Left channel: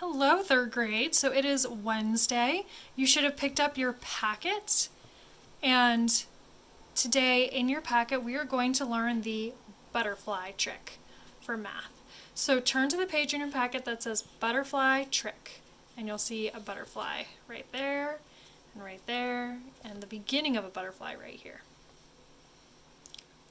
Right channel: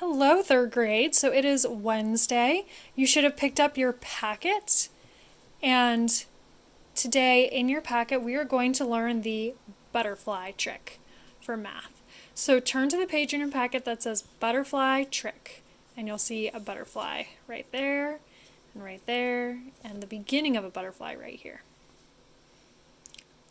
Hello, third grade. So it is Wednesday. You should have picked up your packet. And today in your packet, we are going to learn the butterfly trick for math. So turn to the page in your packet that says butterfly trick. And you'll see a butterfly right there, and the beginning of a butterfly right here.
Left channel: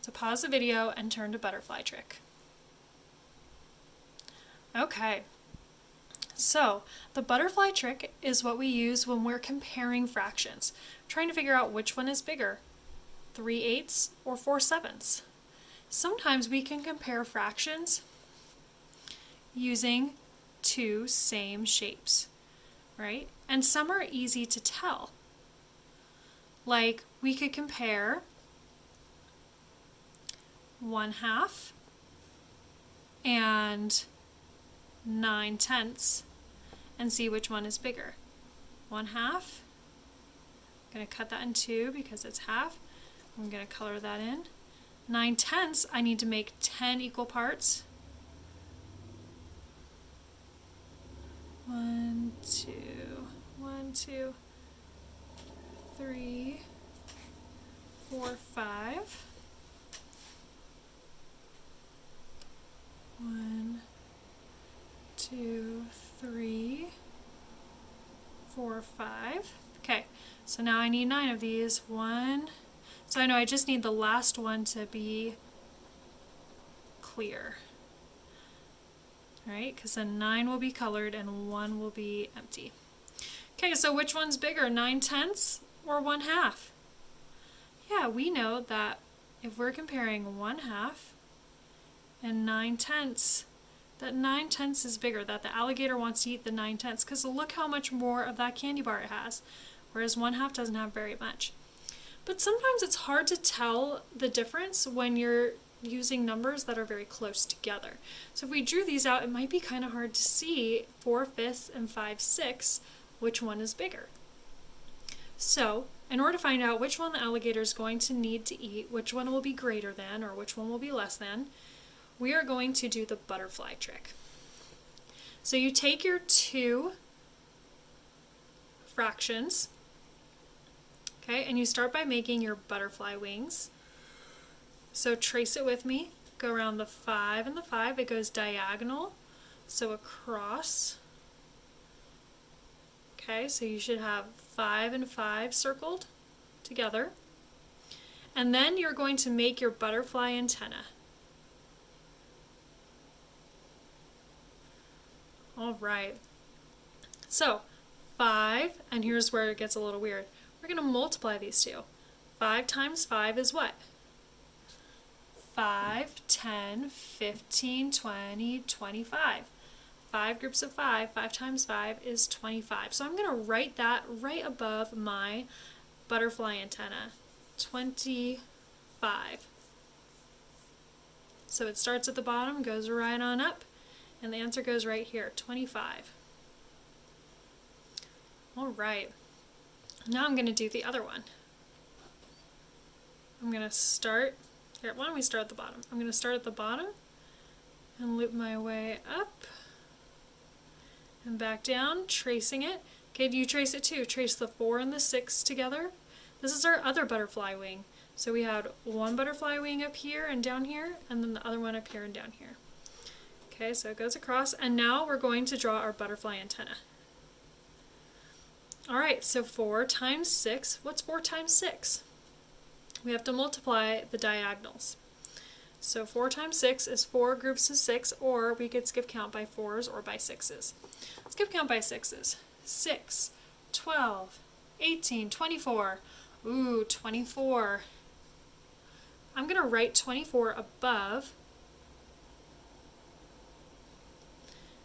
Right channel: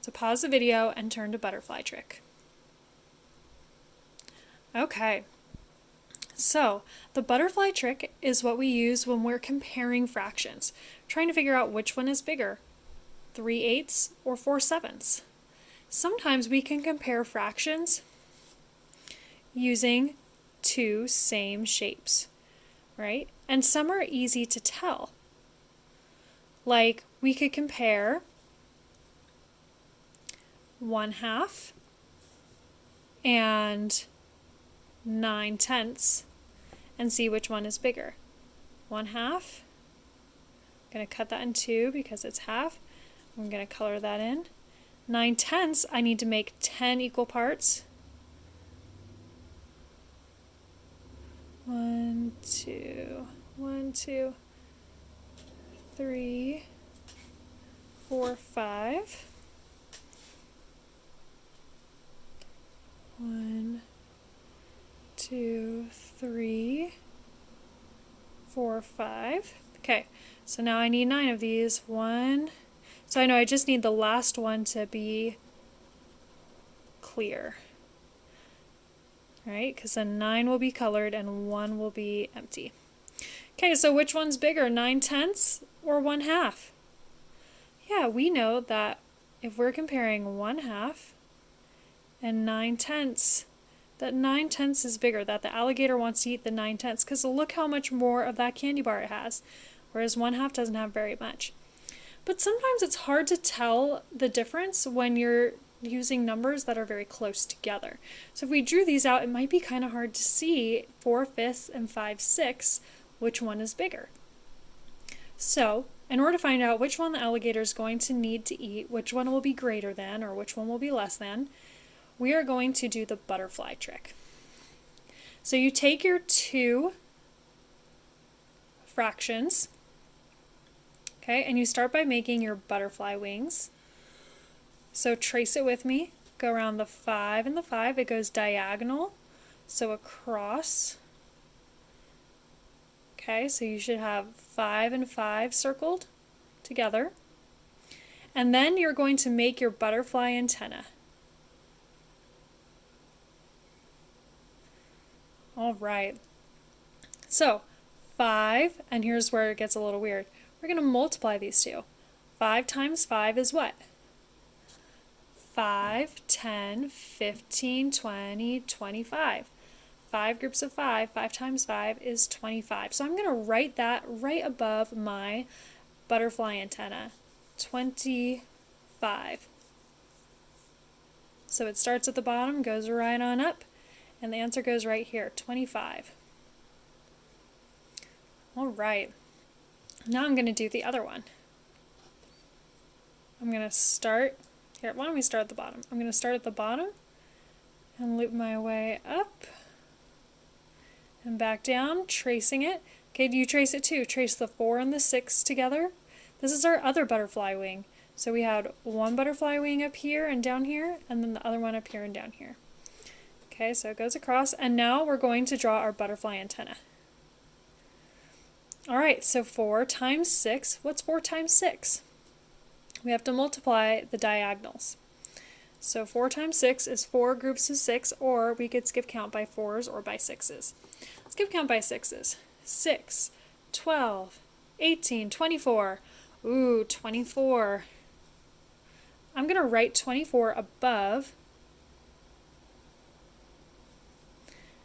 So pause the video and turn to butterfly trick. Okay. So, the butterfly trick is what we use when we're comparing fractions, trying to figure out which one is bigger, 3/8 or 4/7. Sometimes we can compare fractions using two same shapes, right? And some are easy to tell. Like, we could compare 1/2 and 9/10 and see which one is bigger. 1/2. I'm going to cut that in two because it's half. I'm going to color that in. 9/10, I need to make 10 equal parts. 1, 2, 1, 2, 3, 4, 5. 1, 2, 3, 4, 5. Okay, so now I need 9 of these. So I know I just need the last one to be clear. Right? Because then 9 will be colored and 1 will be empty. Okay, so which one's bigger, 9/10 or 1/2? Yeah, we know that if we're comparing 1/2 and 9/10, that 9/10 is bigger, that the alligator wants to eat the 9/10 because look how much more of that candy bar it has, whereas 1/2 doesn't have very much. But sometimes it's hard to tell the difference when you're using numbers that are very close together. So if we drew these out, it might be kind of hard to see 4/5 and 5/6, which one is bigger. So in order to find out which one the alligator is going to need to eat, which one will be greater than, or which one will be less than, we are going to do the butterfly trick. So you take your two fractions, okay, and you start by making your butterfly wings. So trace it with me. Go around the 5 and the 5. It goes diagonal, so across. Okay, so you should have 5 and 5 circled together. And then you're going to make your butterfly antenna. All right. So 5, and here's where it gets a little weird. We're going to multiply these two. 5 times 5 is what? 5, 10, 15, 20, 25. 5 groups of 5, 5 times 5 is 25. So I'm going to write that right above my butterfly antenna, 25. So it starts at the bottom, goes right on up, and the answer goes right here, 25. All right. Now I'm going to do the other one. I'm going to start, here, why don't we start at the bottom? I'm going to start at the bottom and loop my way up and back down, tracing it. Okay, do you trace it too? Trace the 4 and the 6 together. This is our other butterfly wing. So we had one butterfly wing up here and down here, and then the other one up here and down here. Okay, so it goes across, and now we're going to draw our butterfly antenna. Alright, so 4 times 6, what's 4 times 6? We have to multiply the diagonals. So 4 times 6 is 4 groups of 6, or we could skip count by 4s or by 6s. Skip count by 6s. 6, 12, 18, 24. Ooh, 24. I'm going to write 24 above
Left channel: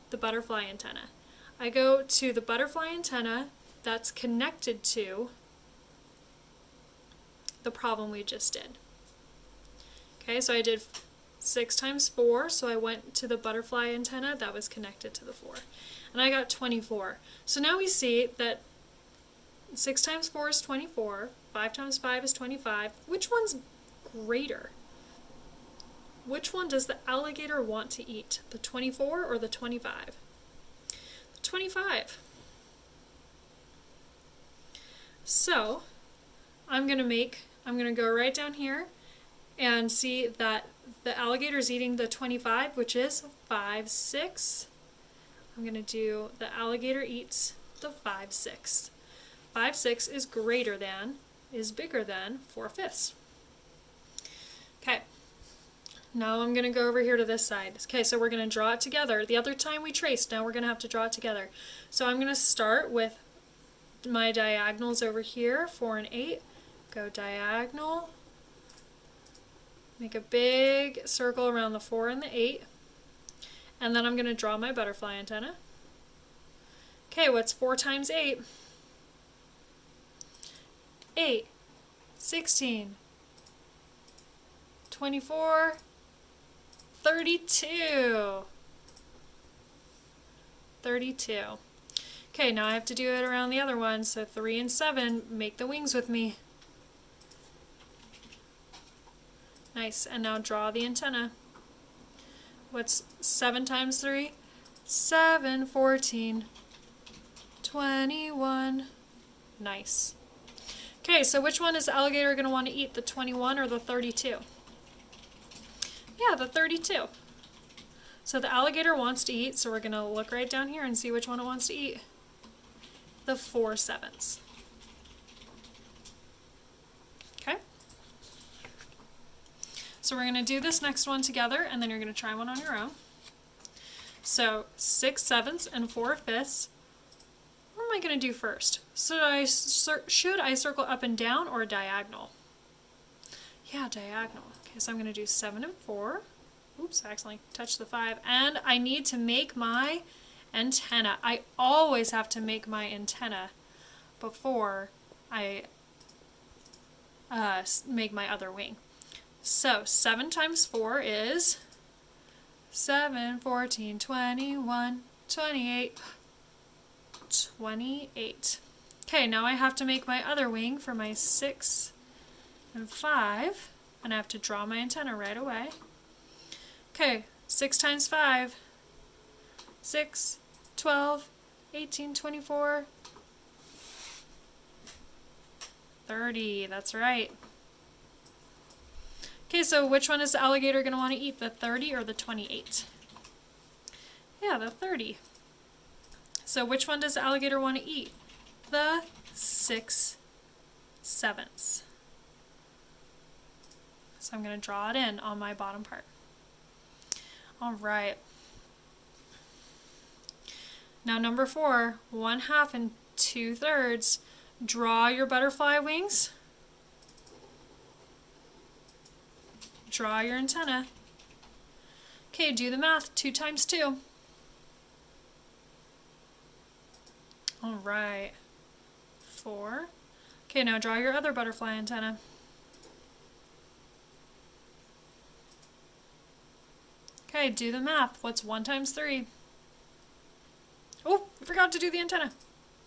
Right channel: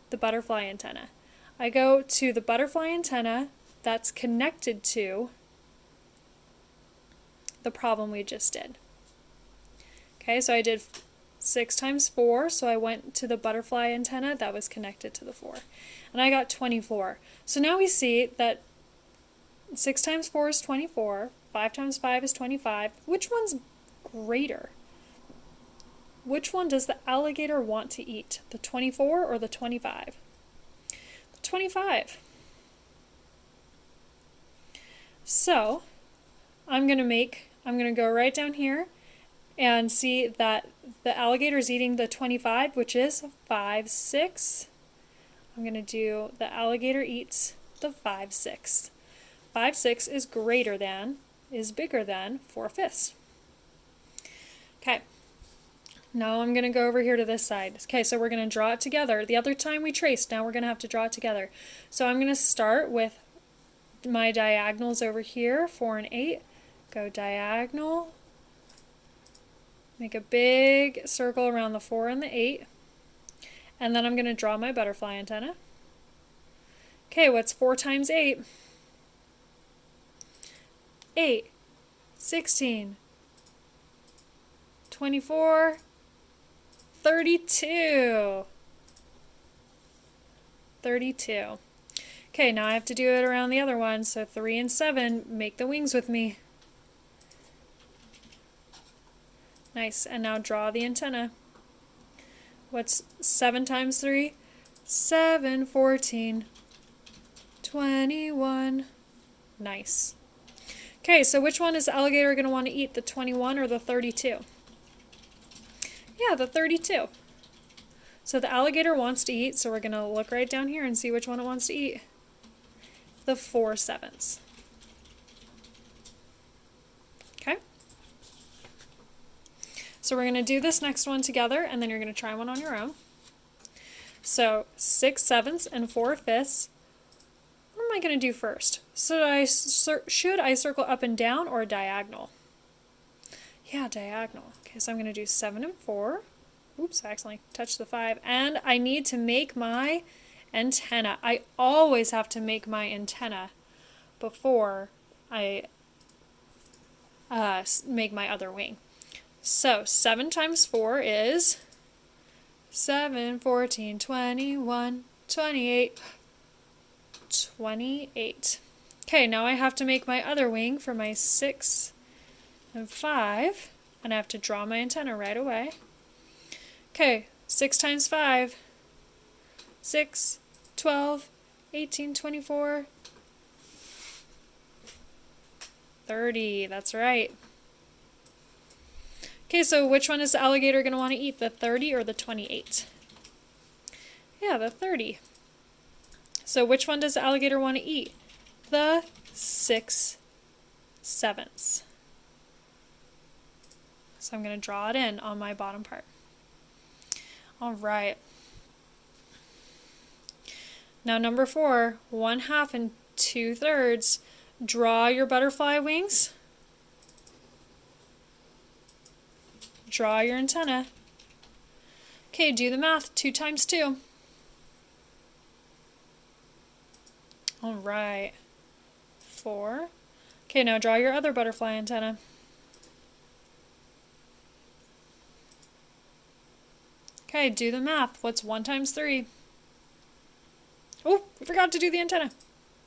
the butterfly antenna. I go to the butterfly antenna that's connected to the problem we just did. Okay, so I did 6 times 4, so I went to the butterfly antenna that was connected to the 4. And I got 24. So now we see that 6 times 4 is 24, 5 times 5 is 25. Which one's greater? Which one does the alligator want to eat? The 24 or the 25? The 25. So I'm going to go right down here and see that the alligator is eating the 25, which is 5 6. I'm going to do the alligator eats the 5 6. 5 6 is bigger than 4/5. Okay. Now I'm going to go over here to this side. Okay, so we're going to draw it together. The other time we traced, now we're going to have to draw it together. So I'm going to start with my diagonals over here, 4 and 8. Go diagonal. Make a big circle around the 4 and the 8. And then I'm going to draw my butterfly antenna. Okay, what's 4 times 8? 8, 16, 24, 32. 32. Okay, now I have to do it around the other one. So 3 and 7, make the wings with me. Nice, and now draw the antenna. What's 7 times 3? 7, 14, 21. Nice. Okay, so which one is the alligator going to want to eat, the 21 or the 32? Yeah, the 32. So the alligator wants to eat, so we're going to look right down here and see which one it wants to eat. The 4 7s. Okay? So we're going to do this next one together, and then you're going to try one on your own. So 6 7s and 4 5ths. What am I going to do first? Should I circle up and down or diagonal? Yeah, diagonal. Okay, so I'm going to do 7 and 4. Oops, I accidentally touched the 5. And I need to make my antenna. I always have to make my antenna before I make my other wing. So 7 times 4 is 7, 14, 21, 28, 28. Okay, now I have to make my other wing for my 6 and 5, and I have to draw my antenna right away. Okay, 6 times 5, 6, 12, 18, 24, 30. That's right. Okay, so which one is the alligator going to want to eat, the 30 or the 28? Yeah, the 30. So which one does the alligator want to eat? The 6 7s. So I'm going to draw it in on my bottom part. All right. Now number 4, 1/2 and 2/3. Draw your butterfly wings. Draw your antenna. Okay, do the math. 2 times 2. All right. 4. Okay, now draw your other butterfly antenna. Okay, do the math. What's 1 times 3? Oh, we forgot to do the antenna.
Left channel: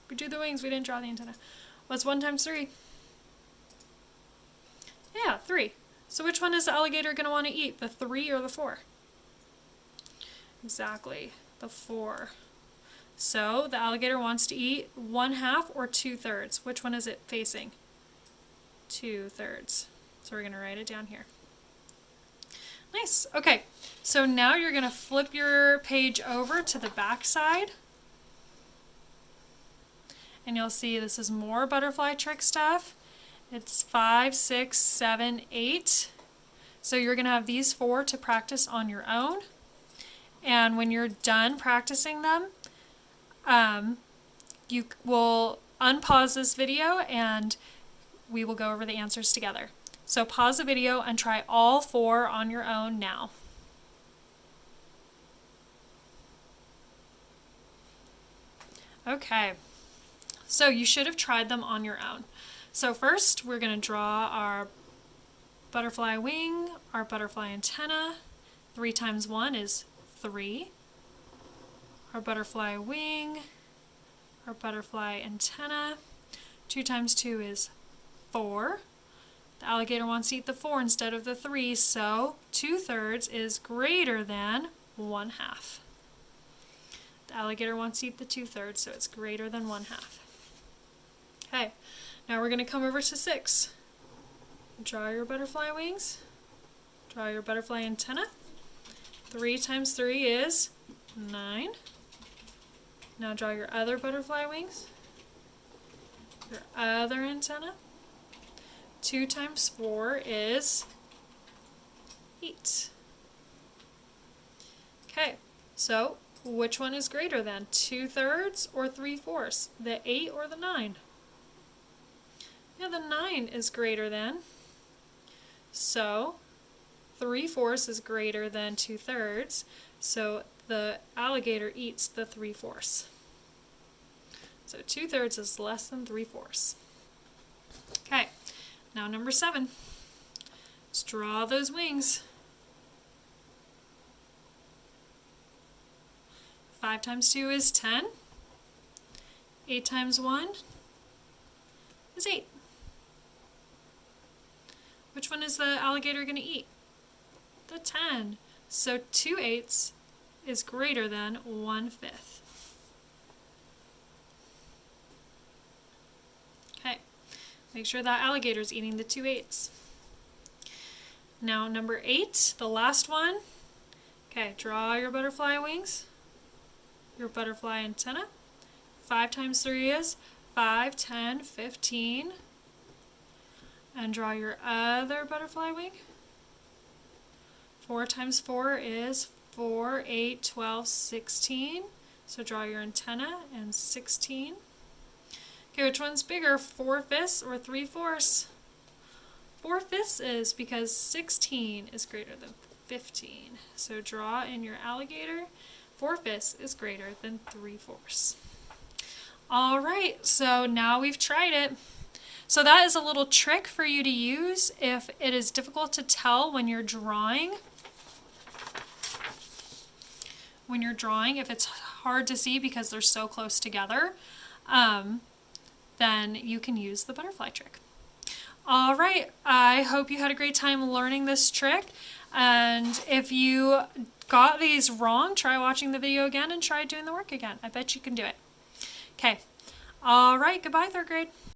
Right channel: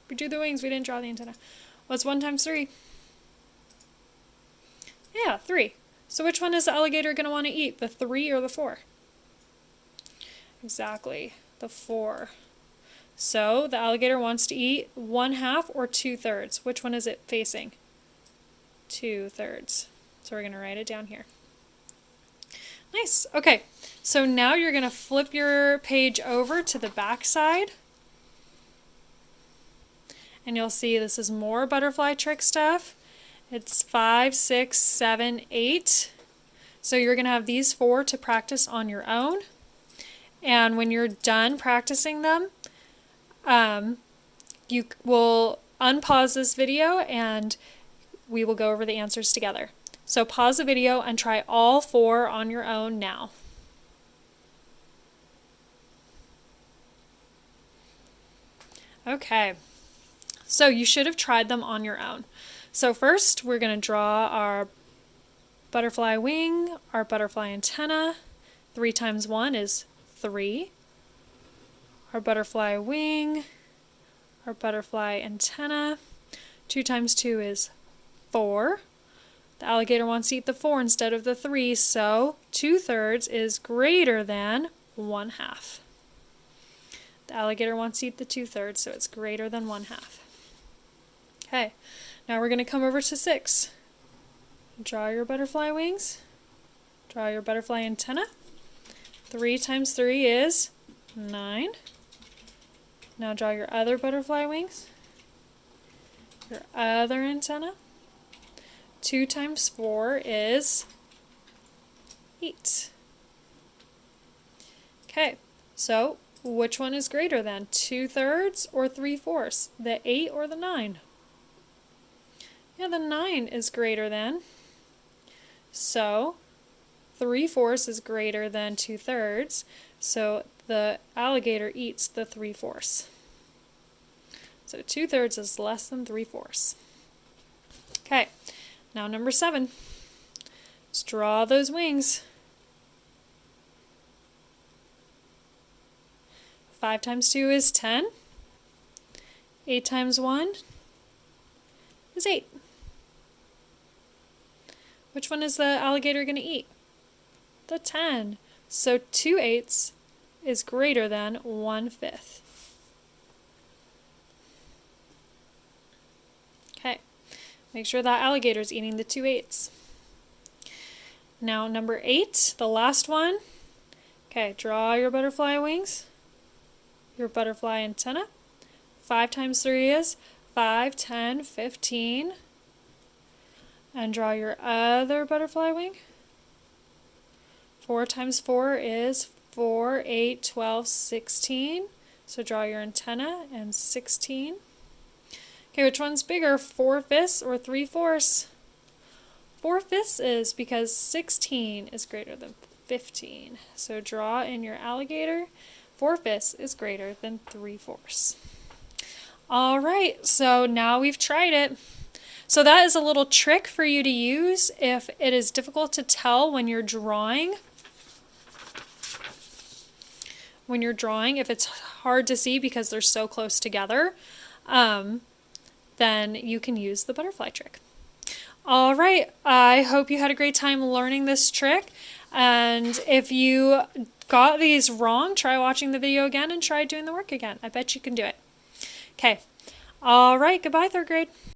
We do the wings, we didn't draw the antenna. What's 1 times 3? Yeah, 3. So which one is the alligator going to want to eat, the 3 or the 4? Exactly, the 4. So the alligator wants to eat 1/2 or 2/3. Which one is it facing? 2/3. So we're going to write it down here. Nice. Okay, so now you're going to flip your page over to the back side. And you'll see this is more butterfly trick stuff. It's 5, 6, 7, 8. So you're going to have these 4 to practice on your own. And when you're done practicing them, you will unpause this video and we will go over the answers together. So pause the video and try all 4 on your own now. Okay, so you should have tried them on your own. So first we're going to draw our butterfly wing, our butterfly antenna. 3 times 1 is 3. Our butterfly wing, our butterfly antenna. 2 times 2 is 4. The alligator wants to eat the 4 instead of the 3, so 2/3 is greater than 1/2. The alligator wants to eat the 2/3, so it's greater than 1/2. Okay, now we're going to come over to 6. Draw your butterfly wings. Draw your butterfly antenna. 3 times 3 is 9. Now draw your other butterfly wings. Your other antenna. 2 times 4 is 8. Okay, so which one is greater than? 2/3 or 3/4? The 8 or the 9? Yeah, the 9 is greater than. So 3/4 is greater than 2/3. So the alligator eats the 3/4. So 2/3 is less than 3/4. Okay, now number 7. Let's draw those wings. 5 times 2 is 10. 8 times 1 is 8. Which one is the alligator going to eat? The 10. So 2/8 is greater than 1/5. Okay, make sure that alligator is eating the 2/8. Now number 8, the last one. Okay, draw your butterfly wings, your butterfly antenna. 5 times 3 is 5, 10, 15. And draw your other butterfly wing. 4 times 4 is 4, 8, 12, 16. So draw your antenna and 16. Okay, which one's bigger, 4/5 or 3/4? 4/5 is because 16 is greater than 15. So draw in your alligator. 4/5 is greater than 3/4. All right, so now we've tried it. So that is a little trick for you to use if it is difficult to tell when you're drawing. When you're drawing, if it's hard to see because they're so close together, then you can use the butterfly trick. All right, I hope you had a great time learning this trick. And if you got these wrong, try watching the video again and try doing the work again. I bet you can do it. Okay. All right, goodbye, 3rd grade.